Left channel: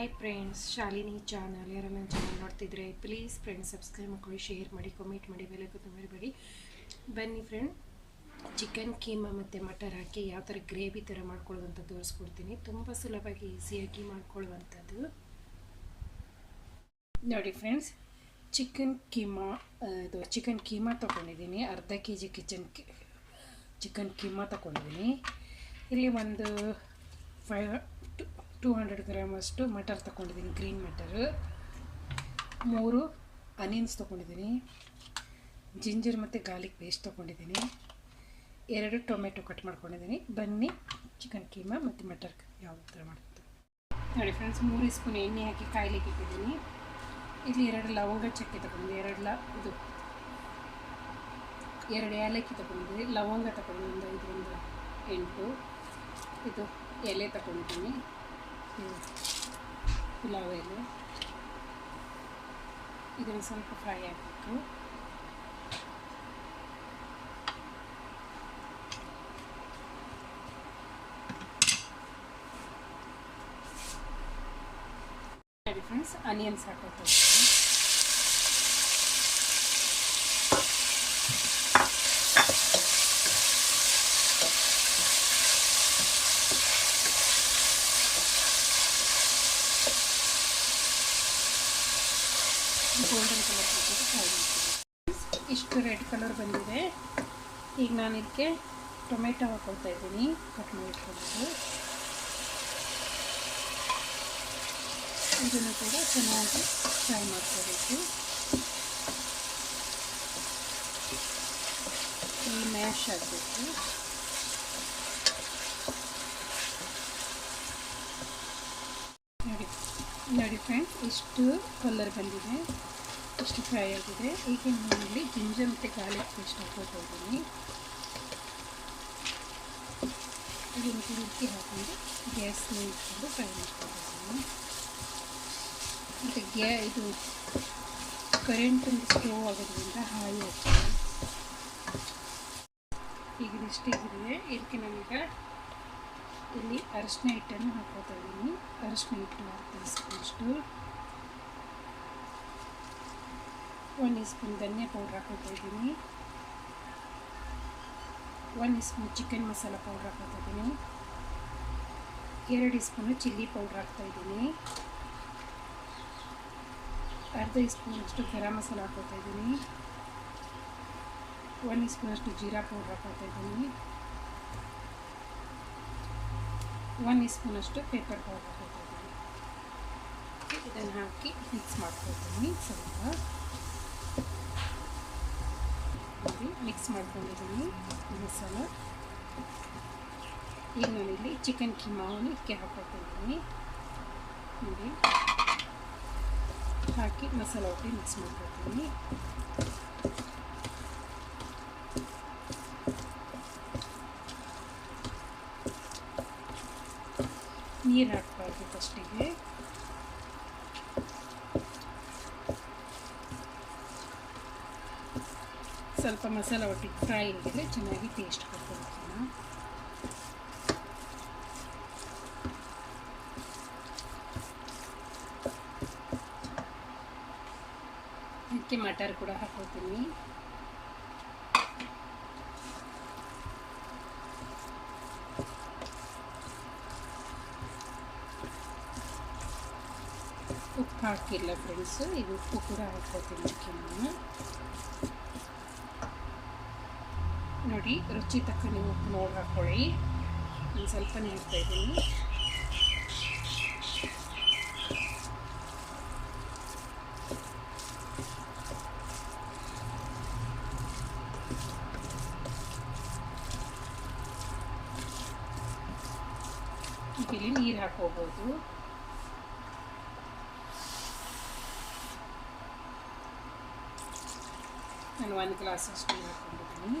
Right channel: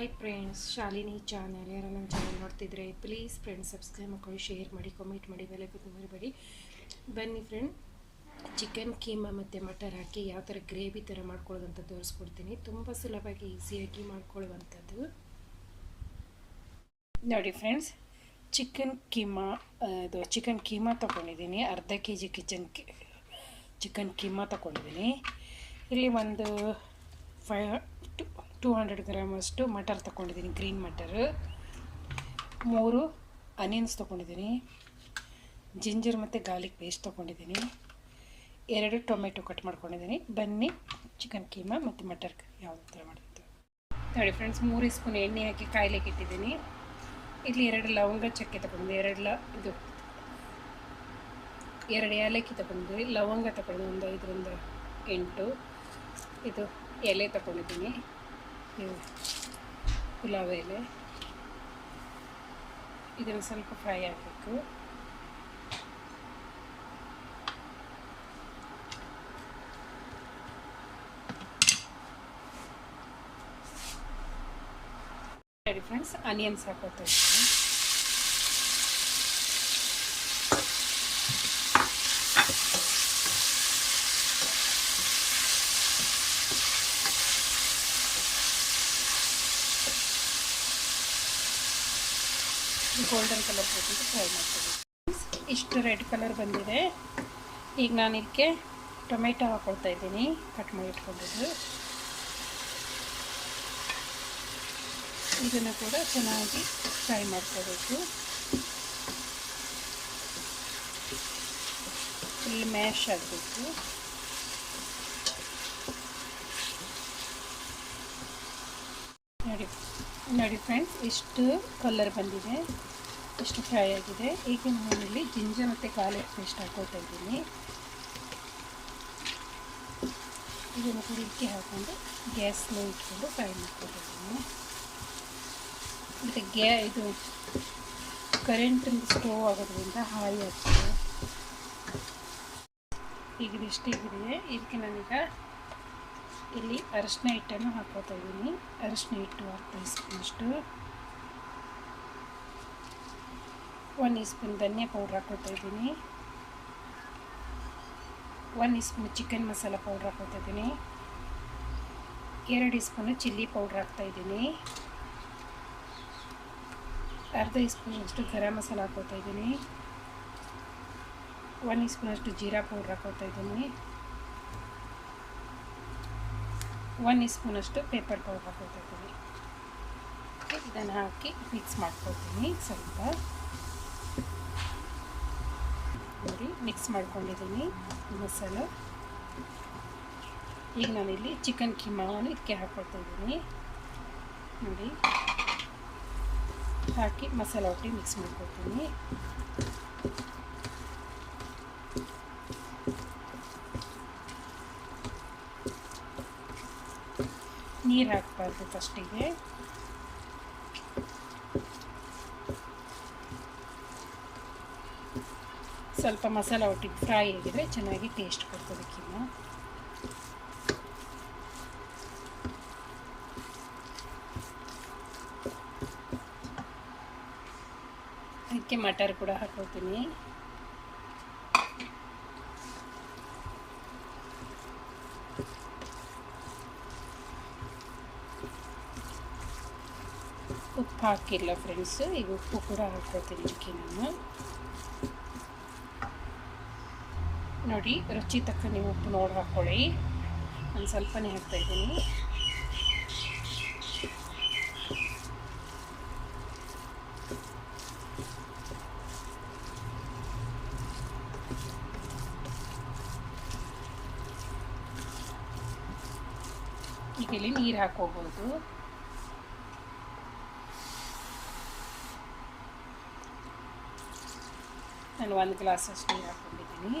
Hi friends Shalini channel ಯಾರು ನನ್ನ channel ನೋಡ್ತಿದ್ರೆ ಪ್ಲೀಸ್ ಫ್ರೆಂಡ್ಸ್ ಸಬ್ಸ್ಕ್ರೈಬ್ ಮಾಡ್ಕೊಳ್ಳಿ ಶೇರ್ ಮಾಡಿ ಕಮೆಂಟ್ ಮಾಡಿ ಬೆಲೆ ಗೊತ್ತು ಮರಿಬೇಡಿ. ಬನ್ನಿ ಫ್ರೆಂಡ್ ಚಿಕನ್ ಕೀಮಾ ಮತ್ತು ಮಟರ್ ಹಾಕಿ ಯಾವ ಥರ ಗ್ರೇವಿ ಥರ ಮಾಡ್ಕೊಳ್ಳೋದಂತ ತೋರಿಸ್ಕೊಡ್ತೀನಿ. ತುಂಬ ಸುಲಭವಾಗಿ ಈಸಿಯಾಗಿ ಮಾಡ್ಕೊಳ್ಳುವಂಥದ್ದು. ನೋಡಿ ಫ್ರೆಂಡ್ಸ್ ಚಿಕನ್ ಕೀಮಾ ಅದು ಚಿಕನ್ ಕೀಮಾ ತೊಗೊಂಡಿದ್ದೀನಿ. ಅರ್ಧ K G kitchen chicken keema ತೊಗೊಂಡಿದ್ದೀನಿ. ಇಲ್ಲಿ ಒಂದು ಫೈ ಟು ಹಂಡ್ರೆಡ್ ಗ್ರಾಮಷ್ಟು ಮಟರ್ ತೊಗೊಂಡಿದ್ದೀನಿ ಗ್ರೀನ್ ಮಟರ್ ಮೂರು ಅನಿಯನ್ಸ್ ತೊಗೊಂಡಿದ್ದೀನಿ ಜಿಂಜರ್ ಮತ್ತು ಗಾರ್ಲಿಕ್ ಪೇಸ್ಟ್ ತೊಗೊಂಡಿದ್ದೀನಿ ಎರಡು ಟೊಮೆಟೊ ಕಟ್ ಮಾಡ್ಕೊಂಡಿದ್ದೀನಿ. ಬನ್ನಿ ಚಿಕನ್ ಕೀಮಾ ಮತ್ತು ಮಟರ್ ಯಾವ ಥರ ಮಾಡೋದು. ನೋಡಿ ಫ್ರೆಂಡ್ಸ್ ಮೂರು ಸ್ಪೂನ್ ಎಣ್ಣೆ ಹಾಕಿ ಕಾಯಿಲೆಗೆ ಇಟ್ಟಿದ್ದೀನಿ. ಇಲ್ಲಿ ಎರಡು ಲವಂಗ ಚಕ್ಕೆ ತಗೊಂಡಿದ್ದೆ ಎರಡು ಲ ಇದು ಎರಡು ಏಲಕ್ಕಿ ತಗೊಂಡಿದ್ದೀನಿ ಲವಂಗ ತಗೊಂಡು ಒಂದು ಐದರಿಂದ ಎಂಟು. ಇದು ಎಲೆ ತಗೊಂಡಿದ್ದೀನಿ ಇದು ಪುಲಾವ್ ಎಲೆ ಇದನ್ನು ಸ್ವಲ್ಪ ಫ್ರೈ ಆಗಬೇಕು ಸರಿ ಫ್ರೆಂಡ್ಸ್ ಆನಿಯನ್ಸ್ ಹಾಕೋತೀವಿ ಗೋಲ್ಡನ್ ಕಲರ್ ಟ್ರೈ ಫ್ರೈ ಇಷ್ಟು ರೆಡ್ ಕಲರ್ ಬಂದಿದೆ. ಈಗ ನಾನು ಇದಕ್ಕೆ ಟೊಮೆಟೊ ಹಾಕೊಳ್ತಾ ಇದ್ದೀನಿ. ಕಟ್ ಮಾಡಿ ಇಟ್ಕೊಂಡಿದ್ದು ಇದನ್ನು ಕೂಡ ಚೆನ್ನಾಗಿ ಫ್ರೈ ಮಾಡ್ಕೋಬೇಕು. ಈ ಮ್ಯಾಶ್ ಆಗಬೇಕು. ನೋಡಿ ನೋಡಿ ಫ್ರೆಂಡ್ಸ್ ಇಷ್ಟು ಕಲರ್ ಬಂದಿದೆ. ಇಷ್ಟು ಫ್ರೈ ಆಗಿದೆ. ಈಗ ನಾನಲ್ಲಿ ಜಿಂಜರ್ ಮತ್ತು ಗಾರ್ಲಿಕ್ ಪೇಸ್ಟ್ ಹಾಕೋತಿದ್ದೀನಿ ಇದನ್ನು ಕೂಡ ಇದಕ್ಕೆ ಗ್ಯಾಸ್ ಇಟ್ಕೊಂಡು ಫ್ರೈ ಮಾಡ್ಕೊಂಡಿದ್ದೀನಿ ಮತ್ತು ಗ್ಯಾ ಇದು ಕರೆಂಟ್ ಸ್ಟೋವ್ ಆಗೋದ್ರಿಂದ ಹಾಯಿ ಆಗ್ತದೆ. ಈಗ ಇದಿಷ್ಟು ಇದೆ ಇದಕ್ಕೆ ನಾನೀಗ ಇಲ್ಲಿ ಅರಶಿನ ಹಿಟ್ಟನ್ನು ಹಾಕೋತಾ ಇದ್ದೀನಿ. ಹಿಟ್ಟು ಹಿಟ್ಟು ಟೀಸ್ಪೂನಷ್ಟು ಒಂದು ಸ್ಪೂನ್ ಧನ್ಯ ಪೌಡ್ರ್ ಹಾಕೋತಾ ಇದ್ದೀನಿ ಒಂದು ಸ್ಪೂನ್ ಚಿಕನ್ ಮಸಾಲ ಪೌಡ್ರ್ ಹಾಕೋತಾ ಇದ್ದೀನಿ ಎರಡು ಸ್ಪೂನು ಚಿಲ್ಲಿ ಪೌಡ್ರ್ ಹಾಕ್ತಾ ಇದ್ದೀನಿ ಅರ್ಧ ಸ್ಪೂನಷ್ಟು ಗರಂ ಮಸಾಲ ಹಾಕೋತಾ ಇದ್ದೀನಿ ಒಂದು ಸ್ಪೂನಷ್ಟು ಜೀರಾ ಪೌಡ್ರ್ ಹಾಕೋತಾ ಇದ್ದೀನಿ ಒನ್ ಸ್ಪೂನಷ್ಟು ಪೇಪರ್ ಪೌಡರ್ ಇದ್ದೀನಿ ಇದನ್ನು ಹಾಕಿ ಮಿಕ್ಸ್ ಮಾಡ್ಕೊತೀನಿ ಸ್ವಲ್ಪ ನೋಡಿ ಮಿಕ್ಸ್ ಮಾಡ್ಕೊಂಡಿದ್ದೀನಿ ಮಸಾಲ ಈಗ ನಾನಿಲ್ಲಿ ಚಿಕನ್ ಕಿಮಾವನ್ನು ಇದಕ್ಕೆ ಹಾಕ್ಕೊಳ್ತಿದ್ದೀನಿ ನೋಡಿ. ಹಾಕಿ ಮಸಾಲ ಹಾಕಿ ಮಿಕ್ಸ್ ಮಾಡ್ಕೊಳ್ತೀನಿ. ನೀರು ಹಾಕ್ಬಾರ್ದು ಫಸ್ಟಿಗೆ ಸ್ವಲ್ಪ ಮಸಾಲ ಒಟ್ಟಿಗೆ ಫ್ರೈ ಆಗಿದ್ರೆ ಚೆನ್ನಾಗಿ ಟೇಸ್ಟ್ ಕೊಡ್ಕೋಬೇಕಿನ್ನು ಅದಕ್ಕೆ ಮಟರ್ ಕೂಡ ಹಾಕೋತೀನಿ ಉಪ್ಪು ಹಾಕಿಲ್ಲ ಫ್ರೆಂಡ್ಸು ಈಗ ಉಪ್ಪು ಕೂಡ ಹಾಕೋತೀನಿ ಇದಕ್ಕೆ ನಾನು ನೋಡಿ, ರುಚಿ ತಕ್ಕ ನೀವು ಉಪ್ಪು ನೋಡಿ ಹಾಕ್ಕೊಳ್ಳಿ ನಾನು ಸ್ವಲ್ಪನೇ ಇದ್ದೀನಿ. ಇಲ್ಲಿ ನೀರು ಹಾಕೋಬೋದು ನಾನು ಒಂದು ಗ್ಲಾಸಷ್ಟು ನೀರು ಹಾಕ್ಕೊಂಡಿದ್ದೀನಿ.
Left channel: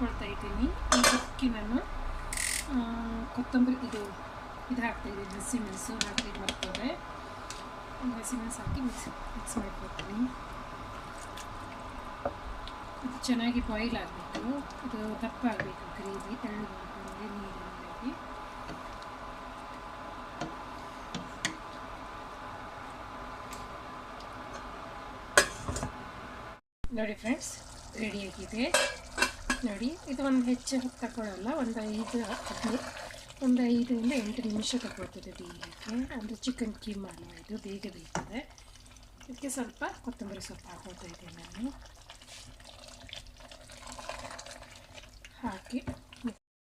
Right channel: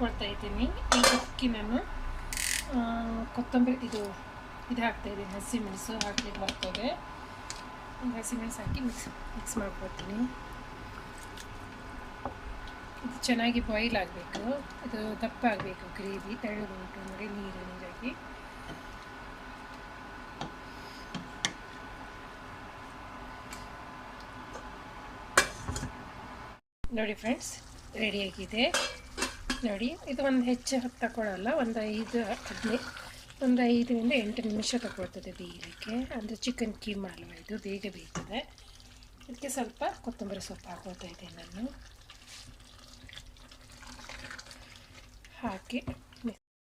ಕೊಡ್ತಾ ಇದ್ದೀನಿ ಈ ನಾನು ಕೊತ್ತಂಬರಿ, ಇದು ಇದು ಹಾಕ್ತಾ ಇದ್ದೀನಿ ಹಸಿಮೆಣಸು ಹಾಕಿ ಬರ್ತದೆ ಹಸಿಮೆಣಸು ಹಾಕಿ ಮಿಕ್ಸ್ ಮಿಕ್ಸ್ ಮಾಡ್ಕೊಳ್ತೀನಿ. ಇದು ಚೆನ್ನಾಗಿ ಬಾಯ್ಲ್ ಆಗಬೇಕು. ಇದು ದಪ್ಪ ಆಗಬೇಕು, ಗ್ರೇವಿ ತೆಳು ಮಾಡಿ ನೀರು, ನೀರಾಗಿ. ನೋಡಿ ಫ್ರೆಂಡ್ಸ್ ರೆಡಿಯಾಗಿದೆ ನೋಡಿ, ಇದು ಒಂದು ಹೆಚ್ಚು ತಗೊಳ್ಳಲ್ಲ ಒಂದು ಐದು ಹದಿನೈದು, ಒಂದು ಐದರಿಂದ ಎಂಟು ನಿಮಿಷ ತಗೊಳ್ತದೆ ಬೇಯಲಿಕ್ಕೆ. ಅಂದರೆ ಚಿಕನ್ ಕೀಮಾ ಅಲ್ವಾ ಇದು, ಬೇಗ ಬೇಯ್ತದೆ. ಇದಕ್ಕೆ ಸ್ವಲ್ಪ ಕೊತ್ತಂಬರಿ ಸೊಪ್ಪು ಹಾಕೊಳ್ತಾ ಇದ್ದೀನಿ ನಾನು. ಹಾಕಿ,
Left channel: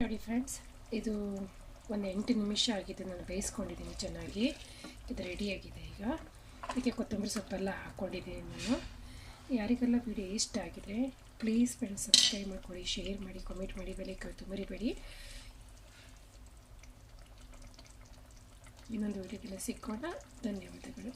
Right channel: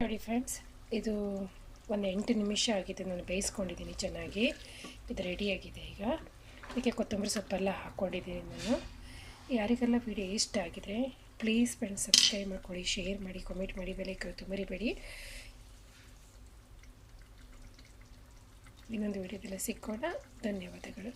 ನೋಡಿ ಫ್ರೆಂಡ್ಸ್ ಇದು ಒಂದು ಎಂಟು ನಿಮಿಷ ಆಗಿದೆ ನಾನು ಬೇಯಿಸ್ಕೊಂಡಿದ್ದೀನಿ ಚೆನ್ನಾಗಿ. ಇದು ರೆಡಿಯಾಗಿದೆ ಈಗ. ಅದಕ್ಕೆ ಕೊತ್ತಂಬರಿ ಸೊಪ್ಪೆಲ್ಲ ಹಾಕ್ಕೊಂಡಿದ್ದೀನಿ ನಾನು. ಯಾರಿಗೆಲ್ಲ ವಿಡಿಯೋ ಇಷ್ಟ ಆಗಿದೆ ಪ್ಲೀಸ್ ಫ್ರೆಂಡ್ಸ್ ಸಬ್ಸ್ಕ್ರೈಬ್ ಮಾಡ್ಕೊಳ್ಳಿ ಶೇರ್ ಮಾಡಿ ಕಮೆಂಟ್ ಮಾಡಿ ಬೆಲೆ ಕಲಿತು ಮರಿಬೇಡಿ ಇನ್ನೊಂದು ವಿಡಿಯೋದಲ್ಲಿ ಸಿಕ್ಕೋಣ ಧನ್ಯವಾದಗಳು